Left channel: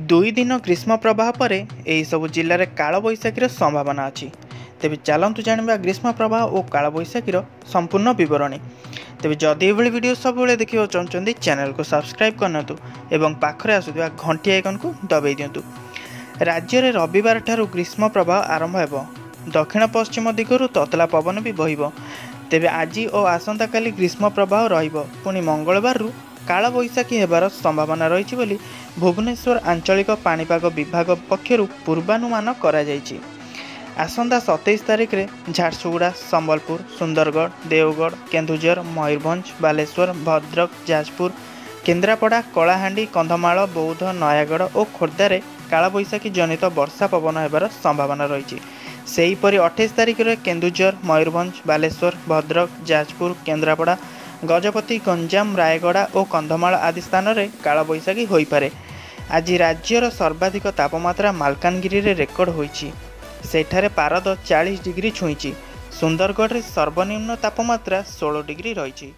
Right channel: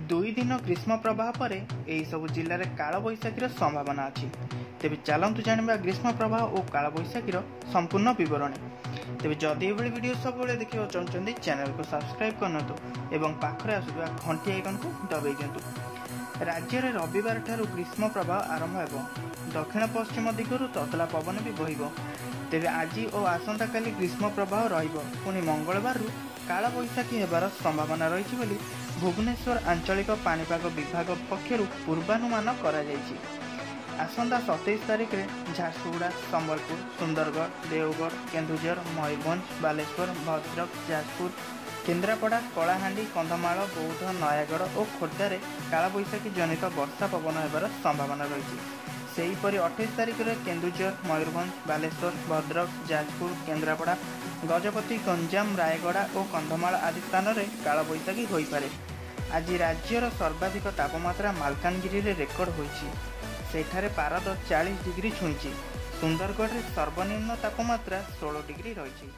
दुई दिन ग्रीष्म प्रवाह पर यही सब जिले में कालबैशाखी संभावना अच्छी। तेज चलतु जाना ग्रीष्म प्रवाह और कालबैशाखी संपूर्ण बरणी। तेज जदि ये वीडियो सब देखा चाहते चैनल को सब्सक्राइब करना और पाखरे आसुवा घंटी आइकन को दबाई दिंतु। राज्य में रविवार ठारू ग्रीष्म प्रवाह आरंभ हो। दक्षिण पश्चिम दिगरू ततला पवन भी बहिब। तेज आज और आसंता काली ग्रीष्म प्रवाह पुणी मंगलवार कालबैशाखी होबार संभावना रही बोली भुवनेश्वर आंचलिक पाणीपाग विभाग पक्षर पूर्वानुमान करा जायछि। आसंता 27 तारिख में झारसुगुड़ा, संबलपुर, सुंदरगढ़, देवगढ़, केन्दुझर, मयूरभंज, बालेश्वर, भद्रक, जाजपुर, केन्द्रापड़ा, कलाहांडी, कंधमाल, बौद्ध, नयागढ़ और खोर्धारे कालबैशाखी जनित वर्षा पवन होबार संभावना रही। सेहीपरि 28 तारिख में केन्दुझर, मयूरभंज, बालेश्वर, भद्रक, जाजपुर, केन्द्रापड़ा, गजपति, गंजाम, रायगड़ा और कंधमाल आदि स्थान में कालबैशाखी हो पारे। आज राज्यर सर्वाधिक तापमात्रा मालकानगिरी रे रेकर्ड होईछि। सेठारे पारद 40 डिग्री छुईछि। सुंदरगढ़ रे सर्वनिम्न तापमात्रा 16 डिग्री रही।